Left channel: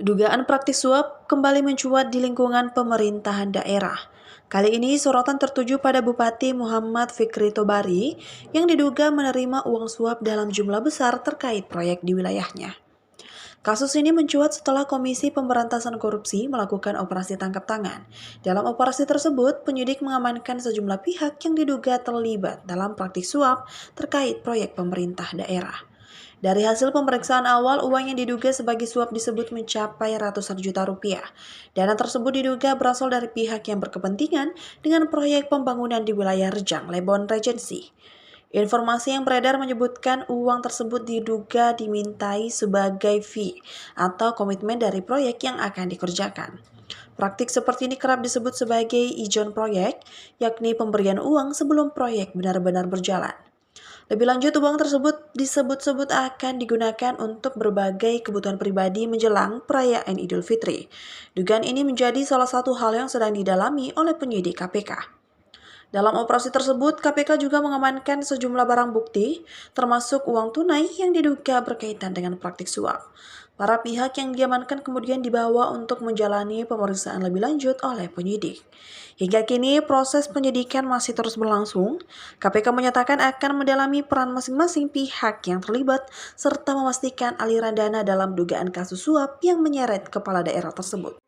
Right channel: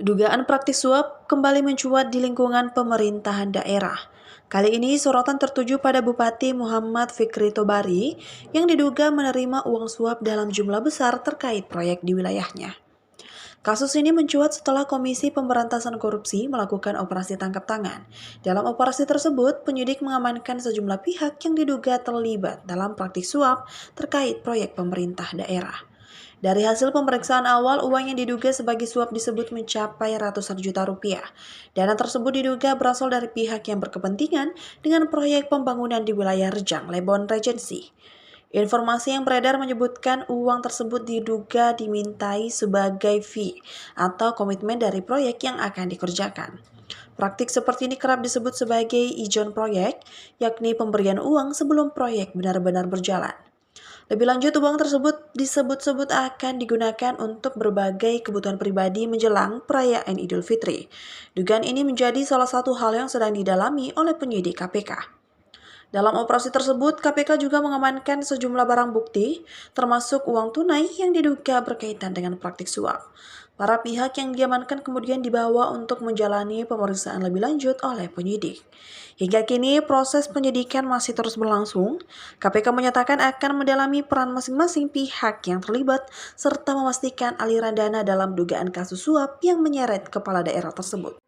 Dugaan praktik suap kembali mencuat di lingkungan pemerintahan daerah. Kali ini sorotan tertuju pada Bupati Muhammad Fikri Tobari yang diduga menerima uang suap dalam jumlah besar terkait proyek di wilayahnya. Kasus ini mencuat setelah Komisi Pemberantasan Korupsi melakukan operasi tangkap tangan. Dalam operasi tersebut, penyidik mengamankan sejumlah pihak yang diduga terlibat dalam praktik suap terkait proyek pemerintah daerah. Dari hasil pemeriksaan awal, uang yang diduga sebagai suap disebut mencapai ratusan juta rupiah. Dana tersebut diduga berasal dari pihak yang berkepentingan dengan proyek pembangunan di wilayah Rejang, Lebon, Regency. Informasi yang beredar menyebutkan uang tersebut diduga dimintai sebagai fee atau komitmen dari proyek yang akan dikerjakan. Praktik seperti ini kerap disebut sebagai ijon proyek, yakni pemberian uang sebelum proyek benar-benar berjalan. Lebih lanjut, uang tersebut disebut-sebut akan digunakan untuk berbagai kebutuhan pribadi menjelang perayaan Idul Fitri. Dugaan ini menjadi salah satu hal yang sedang didalami oleh penyidik KPK. Dalam operasi tersebut, KPK juga mengamankan sejumlah barang bukti, termasuk uang tunai yang diduga berkaitan dengan praktik suap. Para pihak yang diamankan kemudian dibawa untuk menjalani pemeriksaan lebih lanjut oleh penyidik. Hingga kini, proses penyidikan masih terus berlangsung. KPK menyatakan akan mendalami peran masing-masing pihak yang terlibat, serta memastikan aliran dana dalam dugaan kasus suap yang menyeret kepala daerah tersebut.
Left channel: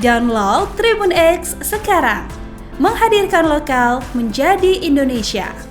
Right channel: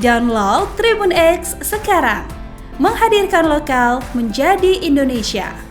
Download Tribun X sekarang, menghadirkan lokal menjadi Indonesia.